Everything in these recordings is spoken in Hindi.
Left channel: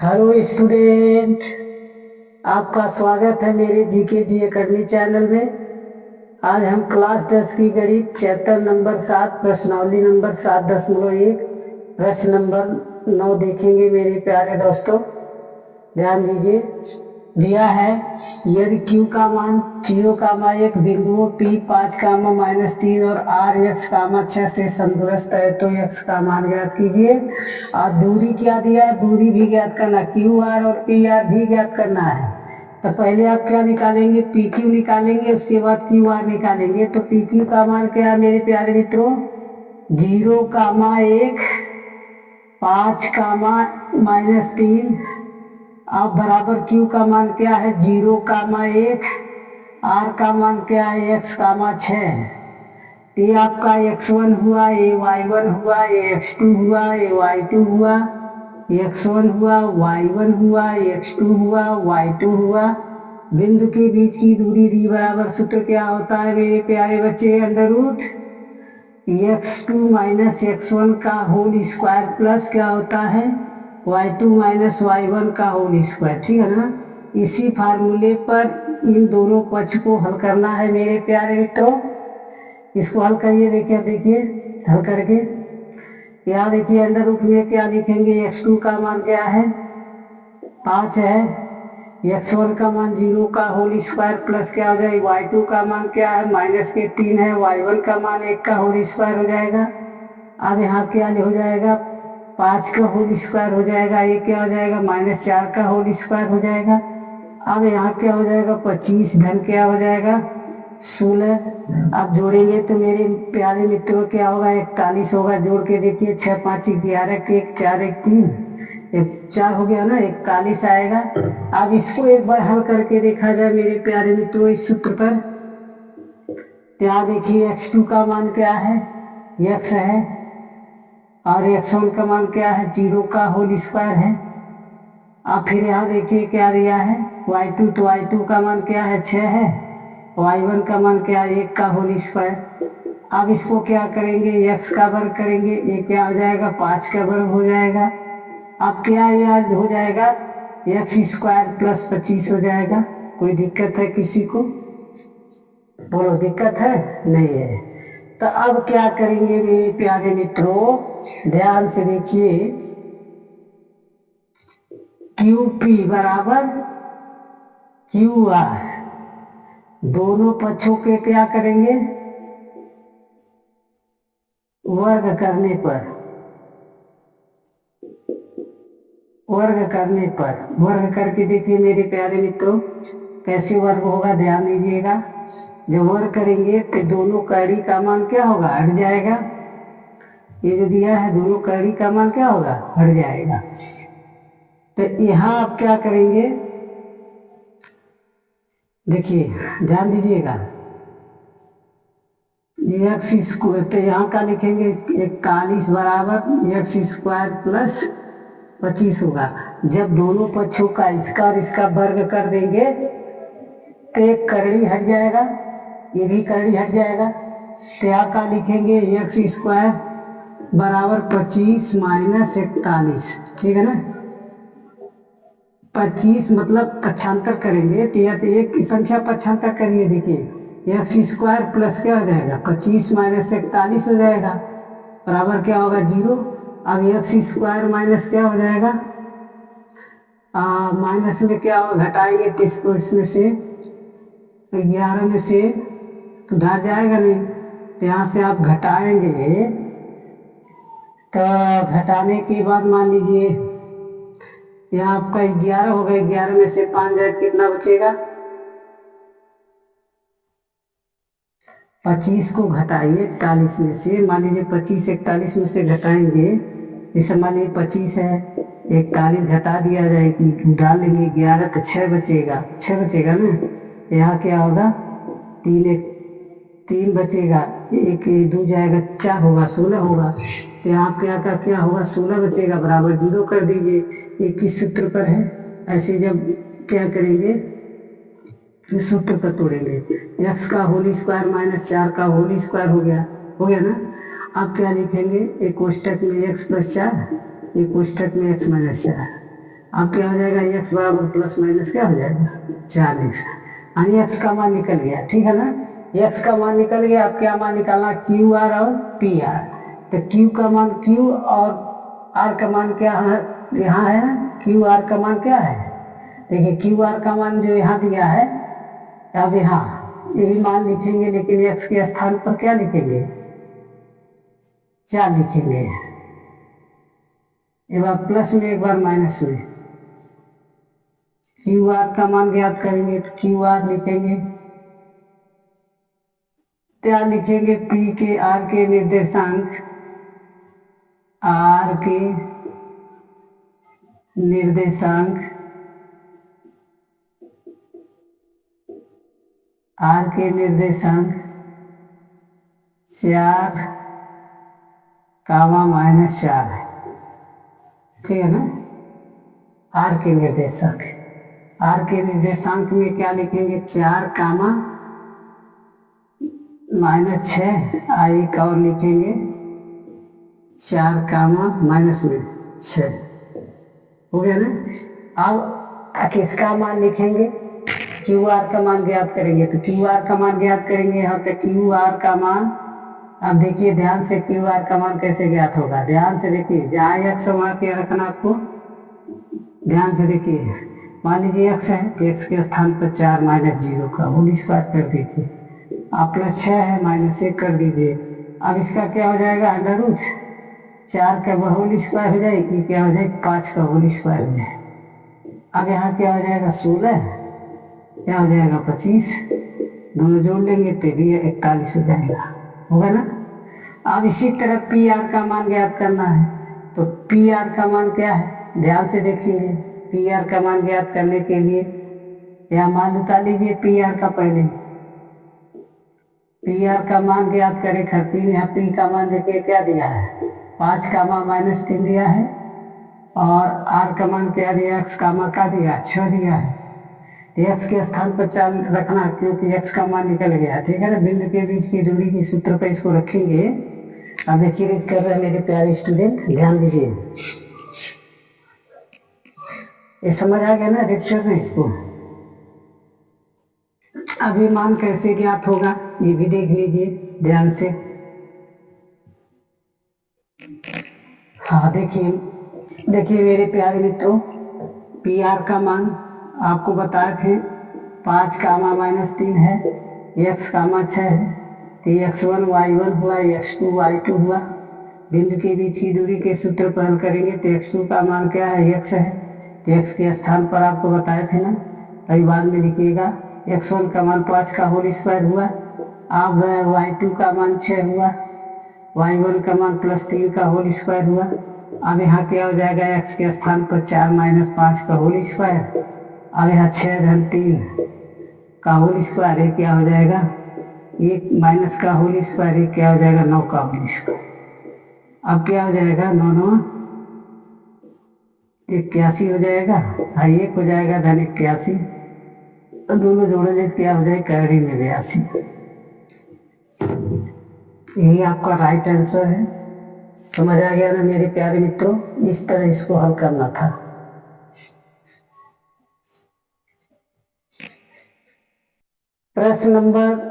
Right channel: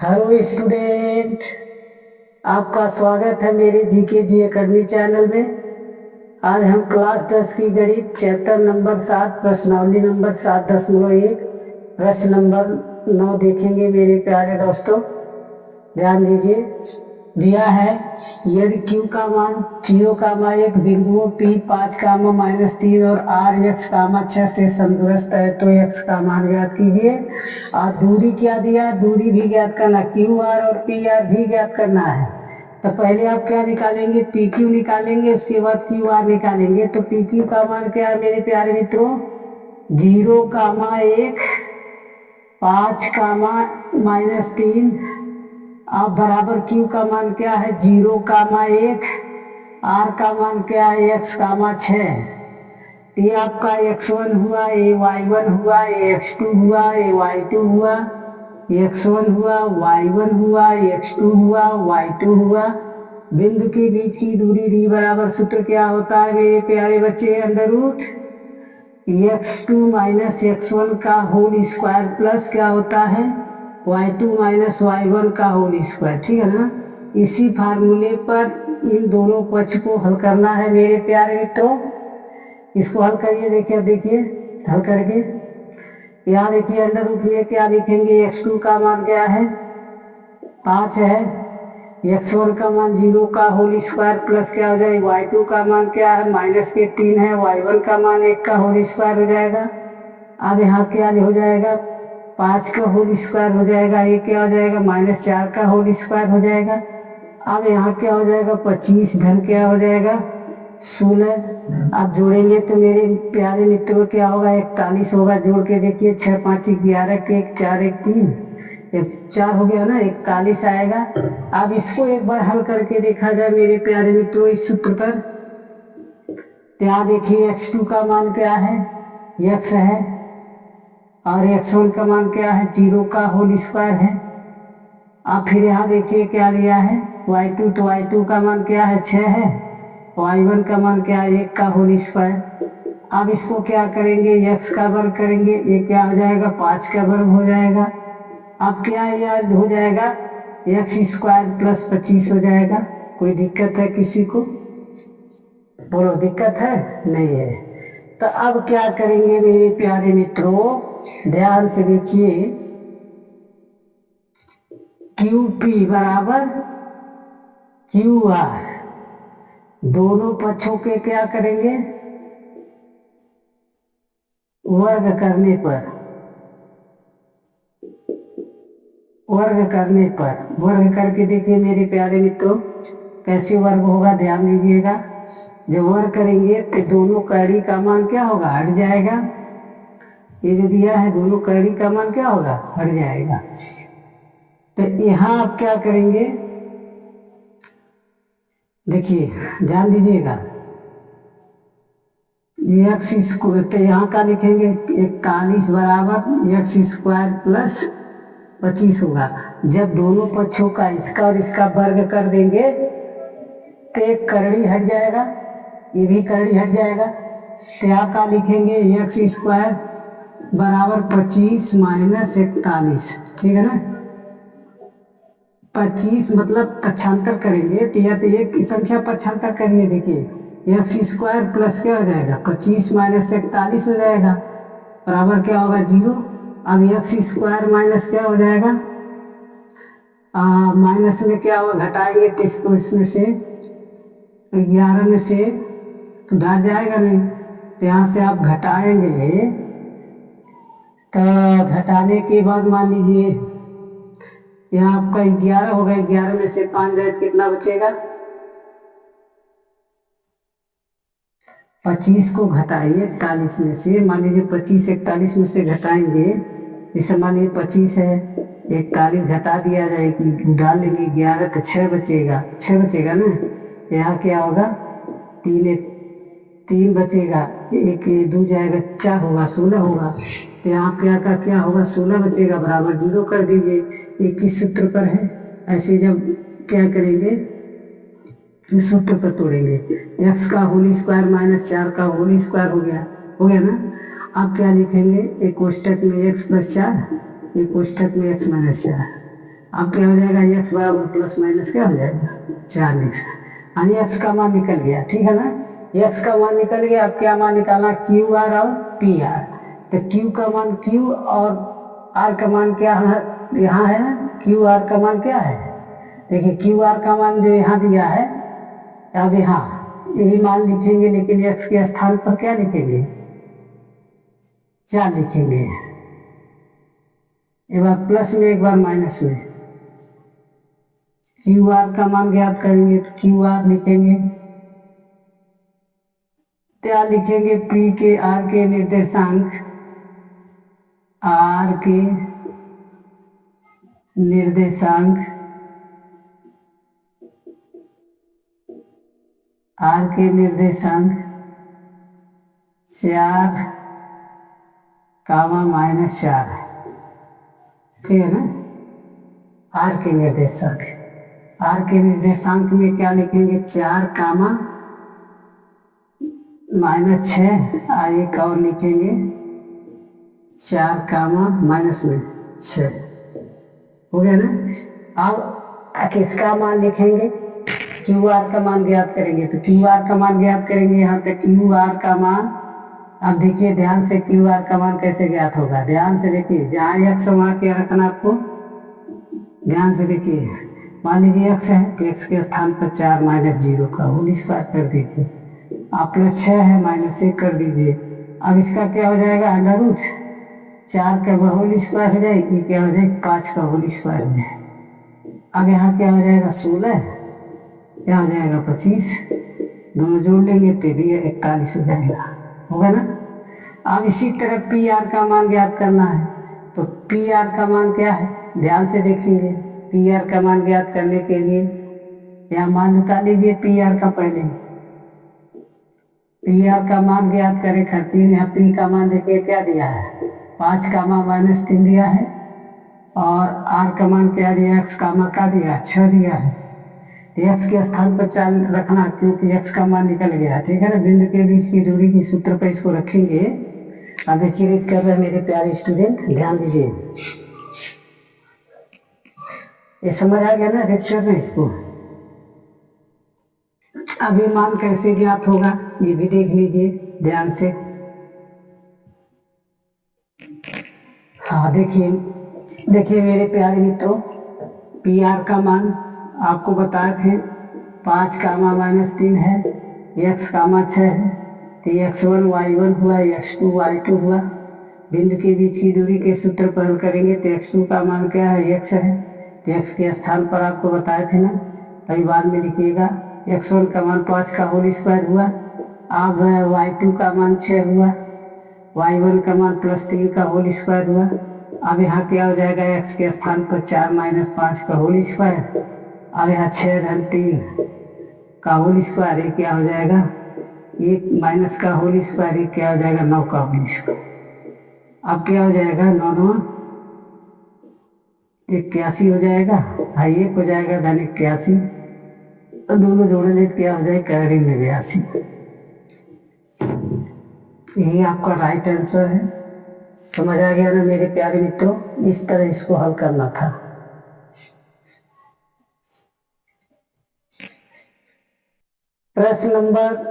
हेलो स्टूडेंट, आपका स्वागत है मेरे जीके जी एकेडमी चैनल में। आज हम क्लास 10 की गणित चैप्टर नंबर 7 प्रश्नावली नंबर 7.1 प्रश्न नंबर 9 देखेंगे। मेरे प्यारे दोस्तों ध्यान दीजिए। दिया है यदि q का मान 0,1 बिंदुओं p 5, -3 और r x, 6 से समदूरस्थ है तो x का मान ज्ञात कीजिए। और दूरी क्या दिया है, दूरी भी ज्ञात करना, QR और PR भी ज्ञात करना है। तो पहले आप क्या निकालेंगे, PQ निकालेंगे, उसके बाद QR निकालेंगे। तो PQ का मान क्या है मेरे प्यारे मित्रों, 0,1 5, अब बराबर Q का मान क्या है 0,1, R का मान क्या है x, 6। ये आपका x1 हुआ, ये y1 हुआ, ये x2 हुआ, ये y2 हुआ, x1 हुआ, y1 हुआ, x2 हुआ, y2 हुआ। बिंदु के बीच की दूरी d बराबर सूत्र क्या होता है मेरे प्यारे बच्चे, अंडर रूट x2 - x1 का होल स्क्वायर प्लस क्या होता है y2 - y1 का होल स्क्वायर। ठीक है ना। इसी फार्मूले पर इन दोनों पक्ष को हल करना है मेरे प्यारे मित्रों। इसको हल करिए, देखिए हल करके यहाँ देखिए अंडर रूट में क्या लिखेंगे, x2 का मान क्या है 5 है, x1 का मान 0 का होल स्क्वायर प्लस क्या हो जाएगा y2 का मान क्या है -3 है, y1 का मान 1 का होल स्क्वायर हो जाएगा। अब यहाँ क्या हो जाएगा 5 का होल स्क्वायर हो जाएगा, ये क्या हो जाएगा -4 का होल स्क्वायर हो जाएगा। अब यहाँ क्या हो जाएगा 25 धन क्या हो जाएगा 16। अब जोड़ेंगे तो मेरे प्यारे मित्रों क्या होगा 41 होगा। जोड़ के देखिए 6 5 11 के 1 4 1 3 एक 4 हो गया ना, 41 आएगा। अब इसको एक बार हल करके देखा जाए मेरे प्यारे मित्रों इस सूत्र पर। यहाँ देखिए x2 का मान क्या है x है और x1 का मान क्या है 0 का होल स्क्वायर है। अब फिर यहाँ देखिए क्या दिया है y2, तो y2 का मान क्या है 6 है, y1 का मान क्या है 1 का होल स्क्वायर। अब इसको क्या करेंगे x का वर्ग करेंगे, ये क्या हो जाएगा 5 का वर्ग हो जाएगा। अब क्या याद हो जाएगा x² + 25 हो जाएगा। कोई दिक्कत है किसी को, बोलो दिक्कत है नहीं है। तो अब क्या करेंगे मेरे प्यारे मित्रों, ध्यान से देखिए, QP बराबर QR, दोनों पक्षों के क्या करेंगे वर्ग करने पर, वर्ग करके देखिए मेरे प्यारे मित्रों कैसे वर्ग होगा, ध्यान दीजिएगा। जब वर्ग करेंगे तो दोनों कड़ी का मान क्या होगा हट जाएगा। ये जो दिया है दोनों कड़ी का मान क्या होगा हट जाएगा। तो यहाँ आप क्या करेंगे देखिए ध्यान दीजिएगा, तो यहाँ का लिखेंगे 41 बराबर x² + 25 होगा। जब दोनों पक्षों का इसका और इसका वर्ग कर देंगे तो एक करड़ी हट जाएगा, ये भी करड़ी हट जाएगा। तो यहाँ का लिखेंगे x² बराबर 25 - 41। ठीक है ना, 25 मतलब पक्षांतर करेंगे तो या तो एक की संख्या पक्षांतर करिए, देखिए x² प्लस क्या हो जाएगा 25 - 41 हो जाएगा, बराबर क्या होगा 0। अब x² माइनस क्या हो जाएगा माइनस में क्या होगा घटाएंगे तो इसको इसमें से 11 में से तो घट जाएगा नहीं, तो यहाँ से आप घटाएंगे। तो घटाने के बाद मान लीजिए यहाँ आपका 11 होगा, 11 में से 5 जाए कितना बचेगा 25 को घटाइए 41 में से, मान लीजिए 25 41 में से घटाएंगे, जैसे मान लीजिए 25 है 41 घटा दिया जाए डाल लेंगे 11 तो 6 बचेगा, 6 बचेगा ना। यहाँ क्या होगा 3 बचेगा, 1 2 जाएगा 4 होगा 16 होगा। तो यहाँ क्या होगा 16 बचेगा, बराबर 0 कर दीजिए। ये किस सूत्र पर है, ऐसे जब क्या करेंगे इस सूत्र पर तोड़ेंगे, x का होल स्क्वायर - 4 का होल स्क्वायर हो गया ना। अब क्या लिखेंगे एक कोष्टक में x + 4, एक कोष्टक में x - 4। अब क्या हो जाएगा, x बराबर प्लस माइनस क्या हो जाएगा 4 लिख सकते, यानी x का मान निकल गया, ठीक है ना। x का मान निकल गया, अब क्या मान निकालना, क्यू आर और पी आर। तो q का मान, q और r का मान क्या है, यहाँ है क्यू आर का मान क्या है, देखिए क्यू आर का मान जो यहाँ दिया है, अब यहाँ यही मान लिखेंगे, लेकिन x के स्थान पर क्या लिखेंगे, 4 लिखेंगे, एक बार प्लस में एक बार माइनस में। क्यू आर का मान ज्ञात करेंगे तो क्यू आर लिखेंगे, क्या लिखेंगे, पी के आर के निर्देशांक, आर के निर्देशांक, आर के निर्देशांक 4 कामा माइनस 4 है, ठीक है ना। आर के निर्देशांक, आर के निर्देशांक में क्या लिखेंगे, 4 कामा माइनस 6, एक और लिखेंगे 4 कामा माइनस में 6, हो गया ना। अब किसका मान लिखेंगे, क्यू आर का मान ज्ञात करेंगे, तो क्यू आर का मान ज्ञात करेंगे यहाँ पे, क्यू आर का मान, अब देखिए ध्यान से क्यू आर का मान कैसे ज्ञात होगा, ध्यान से देखिए, जहाँ x वहाँ क्या रखना आपको, ध्यान से देखिए, मान लीजिए x है तो x के स्थान पर 4 माइनस 0 का होल स्क्वायर कर दीजिए, आप प्लस 6 है माइनस 1 कर दीजिए, अब इसका क्या हो जाएगा, अंडर रूट 4 का होल स्क्वायर हो जाएगी, ये क्या हो जाएगा 5 का होल स्क्वायर हो जाएगा। अब यहाँ क्या हो जाएगा 16, क्या हो जाएगा 25, दोनों जोड़ लेंगे तो भी 41 हो जाएगा, होगा ना। अब इसी तरह पी आर का मान ज्ञात करना है, तो पी आर का मान क्या है, ध्यान से देखेंगे, पी आर का मान ज्ञात करने के लिए यहाँ मान निकाल लीजिए पी आर का, पहले पी आर का मान ज्ञात करें खातिर यहाँ पी का मान देखिए क्या दिया है, 5 कामा माइनस 3 दिया है, और आर का मान क्या दिया, एक्स कामा का दिया 6 दिया है, एक्स के स्थान पर 4 रखना क्योंकि एक्स का मान निकल गया, ठीक है ना। बिंदु के बीच की दूरी के सूत्र पर इसको रखेंगे। अब देखिए रीड कर रहे हैं मेरे प्यारे स्टूडेंट, ध्यान दीजिए, ये समझ आ गया ना, रीड कर रहे हैं इसको। अब ये मान कैसे ज्ञात होगा ये भी देख लीजिए ध्यान से। हाँ देखिए, देखिए मेरे प्यारे मित्रों, पी आर का मान आपको बताए थे 5 कामा माइनस 3 है, एक्स कामा 6 है, तो x1 y1 हुआ, x2 y2 हुआ। बिंदु के बीच की दूरी के सूत्र पर हल करेंगे तो x2 का मान क्या है, x है, तो x के स्थान पर आपको बताए थे ना, अभी बाद में लिखिएगा। x1 का मान 5 का होल स्क्वायर हुआ, अब y2 का मान 6 हुआ, y1 का मान प्लस 3 का होल स्क्वायर हुआ। अब यहाँ क्या हो जाएगा, x के स्थान पर 4 माइनस 5 का होल स्क्वायर, अब यहाँ 6 धन 3 का होल स्क्वायर, ये क्या हो जाएगा 1 माइनस का होल स्क्वायर, ये क्या हो जाएगा 9 का होल स्क्वायर। अब क्या हो जाएगा 9 9 81 हो जाएगा, हाँ 1 हो जाएगा धन 81, तो दोनों जोड़ेंगे क्या हो जाएगा कैरी में 82। यही आपका राइट आंसर है। समझ आ गया ना मेरे प्यारे मित्रों, इस तरह इसको हल करना था। प्रश्न नंबर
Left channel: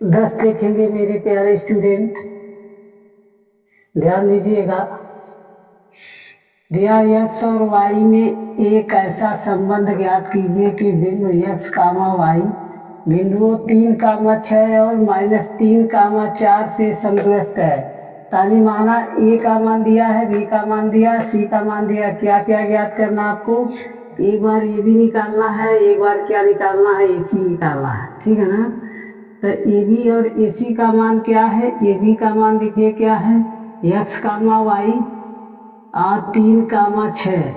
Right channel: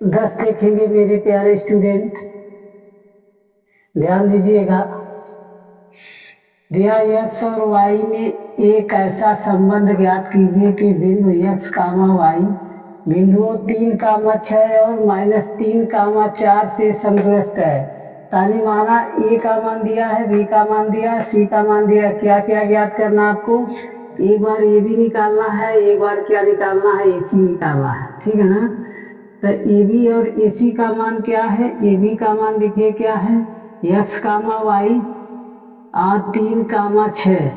10 देखेंगे मेरे प्यारे स्टूडेंट, ध्यान दीजिएगा। दिया x और y में एक ऐसा संबंध ज्ञात कीजिए कि बिंदु x कामा y बिंदुओं 3 कामा 6 और माइनस 3 कामा 4 से समग्रस्त है। तानी माना a का मान दिया है, b का मान दिया, c का मान दिया, क्या क्या ज्ञात करना आपको, एक बार ये भी निकालना है, एक बार क्या निकालना है, AC निकालना है, ठीक है ना। तो AB और AC का मान क्या है, AB का मान देखिए क्या है, x कामा y और 3 कामा 6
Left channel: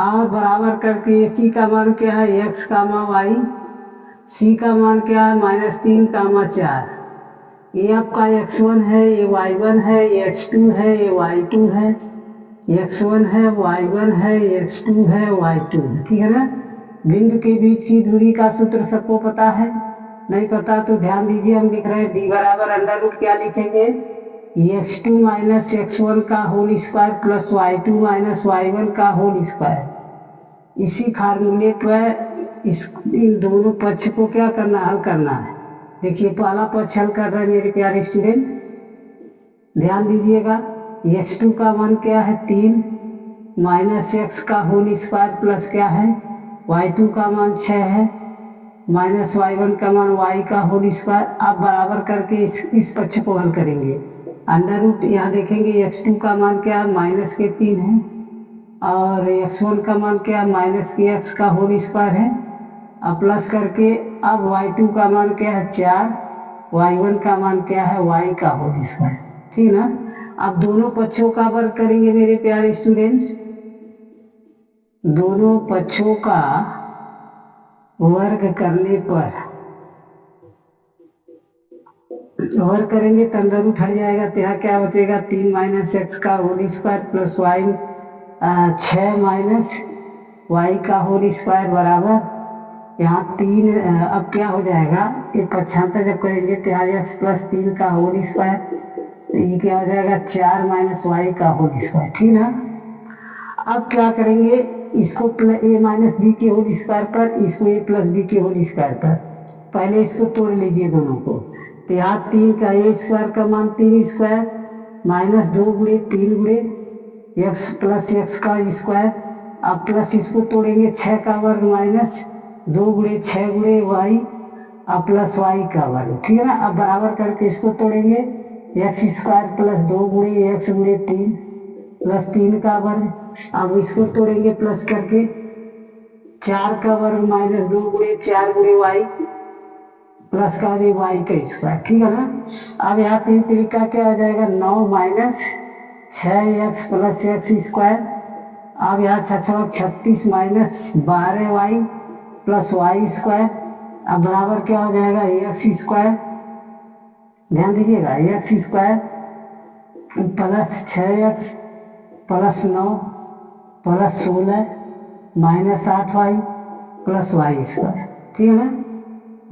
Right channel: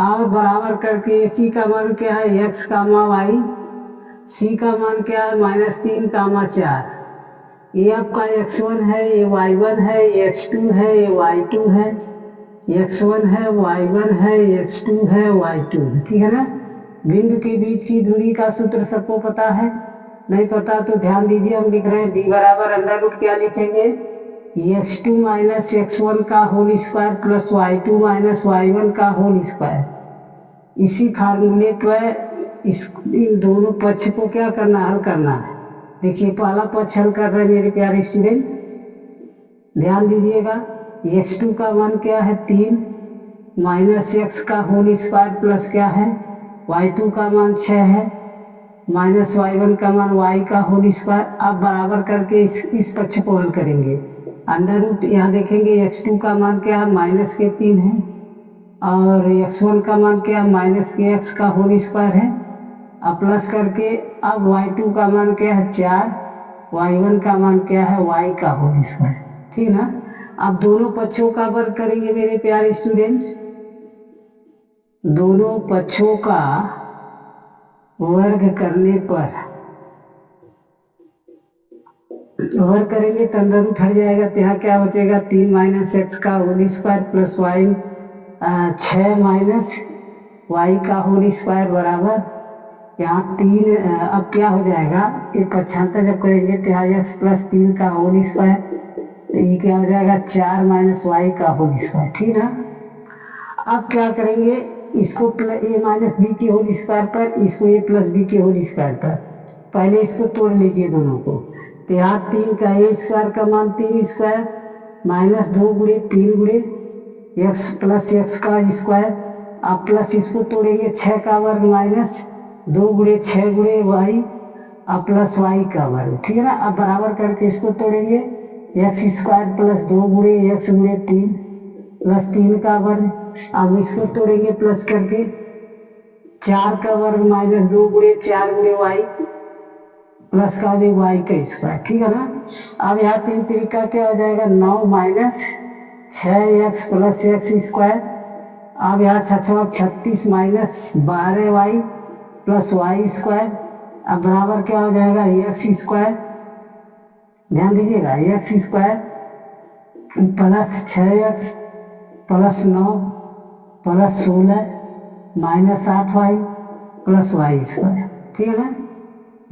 और बराबर करके AC का मान क्या है, x कामा y, C का मान क्या है माइनस 3 कामा 4, ये आपका x1 है, ये y1 है, ये x2 है, ये y2 है, x1 है, y1 है, x2 है, y2 है, ठीक है ना। बिंदु के बीच की दूरी का सूत्र सबको पता है, नहीं पता तो ध्यान दीजिए, हम लिख रहे हैं d बराबर अंडर रूट क्या लिखेंगे, x2 माइनस x1 का whole square plus y2 minus y1 का होल स्क्वायर। इसी फार्मूले पर इन दोनों पक्ष को क्या करना, हल करना है। देखिए पहला पक्ष हल कर रहे हैं मेरे प्यारे स्टूडेंट, ध्यान दीजिएगा। x2 का मान क्या है 3 माइनस x का होल स्क्वायर प्लस क्या है y2 का मान 6 है माइनस y1 का मान y का होल स्क्वायर। आप बराबर करके इस पक्ष को हल करेंगे। अंडर रूट यहाँ देखेंगे x2 का मान क्या है माइनस के 3 है और x1 का मान क्या है माइनस के x का होल स्क्वायर है। अब प्लस करके अब y2 का मान क्या है 4, y1 का मान क्या है y का होल स्क्वायर, ठीक ना। अब दोनों पक्षों का वर्ग करेंगे मेरे प्यारे स्टूडेंट। दोनों पक्षों का वर्ग करने पर वर्ग करेंगे तो अंडर रूट हट जाएगा, तो यहाँ क्या बचेगा 3 माइनस एक्स का whole square plus y 6 minus y का होल स्क्वायर बराबर यहाँ 3। अब क्या हो जाएगा, ये पक्षांतर जब करेंगे तो यहाँ एक्स प्लस 3 का होल स्क्वायर, तो ये क्या हो जाएगा 4 माइनस वाई का होल स्क्वायर, ठीक ना। अब क्या करेंगे, इसको ए माइनस बी के होल स्क्वायर पर, इसको ए प्लस बी के होल स्क्वायर पर। पहले इसको तोड़ लीजिए दोनों को, तो यहाँ 3 का ए स्क्वायर का मान 3 स्क्वायर माइनस 2 गुणे 3 गुणे एक्स प्लस एक्स का स्क्वायर। अब प्लस इसको तोड़ेंगे 6 का वर्ग माइनस 2 गुणे 6 गुणे वाई अब प्लस वाई का वर्ग, ठीक है ना। अब बराबर करके इसको तोड़ेंगे एक्स स्क्वायर प्लस 2 गुणे एक्स गुणे 3 प्लस 3 का वर्ग। अब इसको तोड़ेंगे प्लस करके 4 का वर्ग माइनस 2 गुणे 4 गुणे वाई प्लस का जो वाई का स्क्वायर, ठीक है ना। अब यहाँ 3 तरीका क्या हो जाएगा 9 minus 6x plus x square. अब यहाँ 36 minus 12 y plus y square. अब बराबर क्या हो जाएगा एक्स स्क्वायर, ध्यान दीजिएगा x square plus 6x plus 9 plus 16 minus 8 y plus y square, ठीक है ना।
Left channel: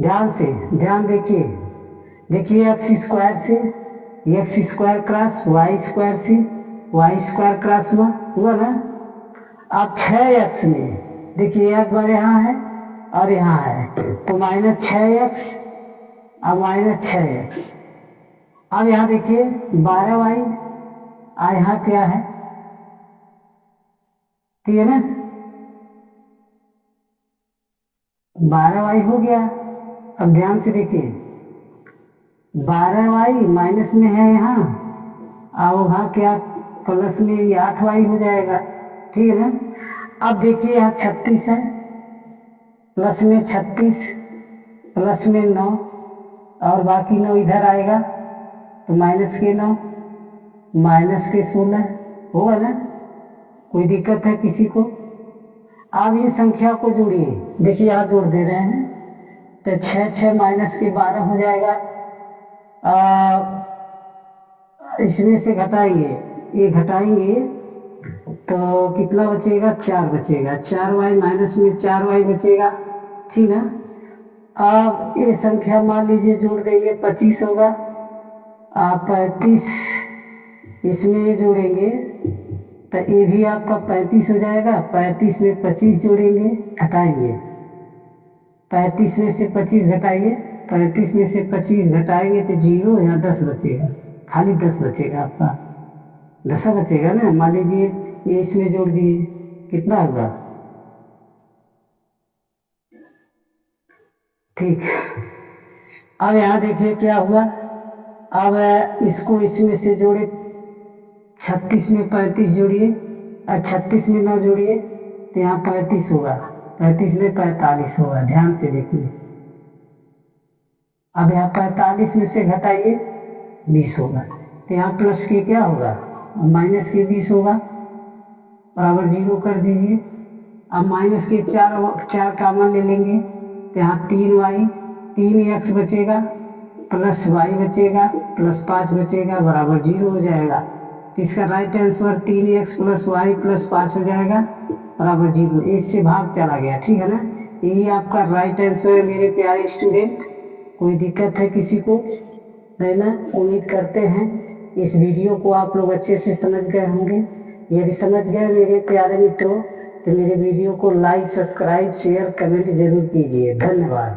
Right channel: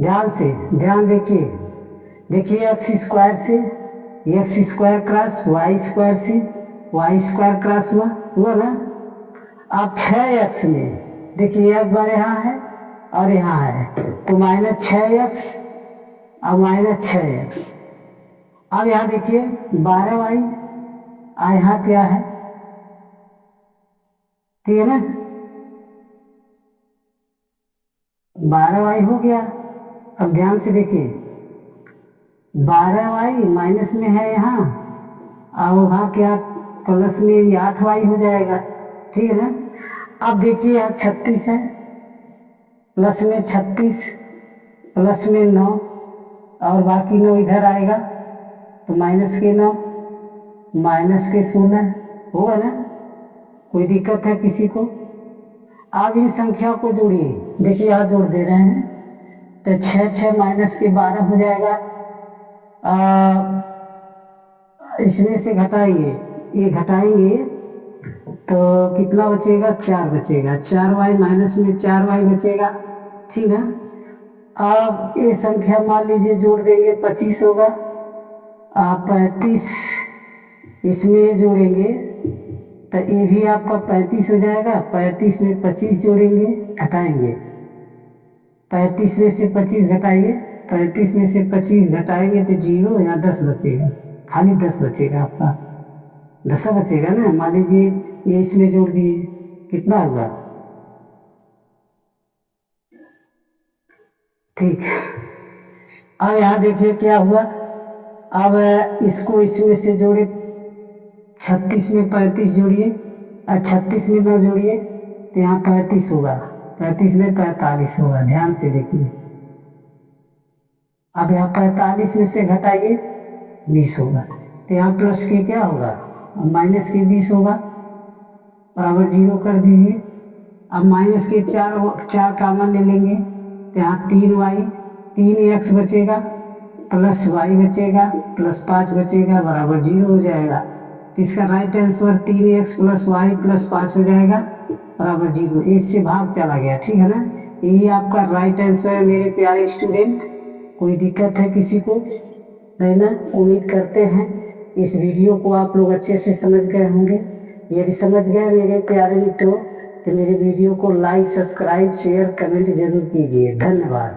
ध्यान से ध्यान देखिए एक्स स्क्वायर से x square cross y square से वाई स्क्वायर क्रॉस हुआ ना। अब 6x में देखिए एक बार यहाँ है और यहाँ है, तो माइनस 6x और माइनस 6x। अब यहाँ देखिए 12 वाई और यहाँ क्या है, ठीक है ना, 12 वाई हो गया। अब ध्यान से देखिए 12 वाई माइनस में है यहाँ और वहाँ क्या प्लस में ये 8 वाई हो जाएगा, ठीक है ना। अब देखिए यहाँ 36 है, प्लस में 36 प्लस में 9 और बाकी 9 इधर आएगा, तो माइनस के 9 माइनस के 16 होगा ना। कोई दिक्कत है किसी को। अब इन संख्या को जोड़िए, देखिए यहाँ जोड़ दे रहे हैं, तो 6 माइनस के 12 हो जाएगा। इसमें से घटाएंगे, ये घटाएंगे तो कितना बचेगा 4 बचेगा, 4 वाई माइनस में 4 वाई बचेगा, ठीक है। अब ये संख्या मान लीजिए जोड़ देंगे 25 होगा। 35 इसमें जोड़ेंगे तो ये भी आपका 35 हो जाएगा। 35 में 25 जोड़ेंगे, घटाएंगे 35 में से 25 घटाइए, 35 में से 25 घटाएंगे तो 0, यहाँ 10 बचेगा, खाली 10 बचेगा आपका, 10 बचेगा ना। मान लीजिए ये इसमें जोड़ दिए, कितना होगा, ठीक। अब यहाँ देखिए क्या हुआ, अब इसको इसमें से जोड़े, 36 में 35 जोड़िए और 36 में 9 जोड़िए तो यहाँ 35 होगा, 35 में 45 होगा। ध्यान से देखिए, अब यहाँ 45 में से घटाइए 20 होगा, तो यहाँ प्लस के क्या होगा माइनस के 20 होगा, बराबर 0 कर दीजिए। अब माइनस के 4 कॉमन ले लेंगे तो यहाँ 3 वाई 3x बचेगा प्लस वाई बचेगा प्लस 5 बचेगा, बराबर 0 हो जाएगा। तो इसका right answer 3x plus y plus 5 हो जाएगा, बराबर 0। इससे भाग चला गया, ठीक है ना। यही आपका राइट आंसर है मेरे प्यारे स्टूडेंट। कोई दिक्कत है किसी को, है ना। उम्मीद करते हैं इस वीडियो को आप लोग अच्छे से समझ गए होंगे। यदि समझ गए मेरे प्यारे मित्रों तो मेरे वीडियो को लाइक, सब्सक्राइब, शेयर, कमेंट जरूर कीजिए। धन्यवाद।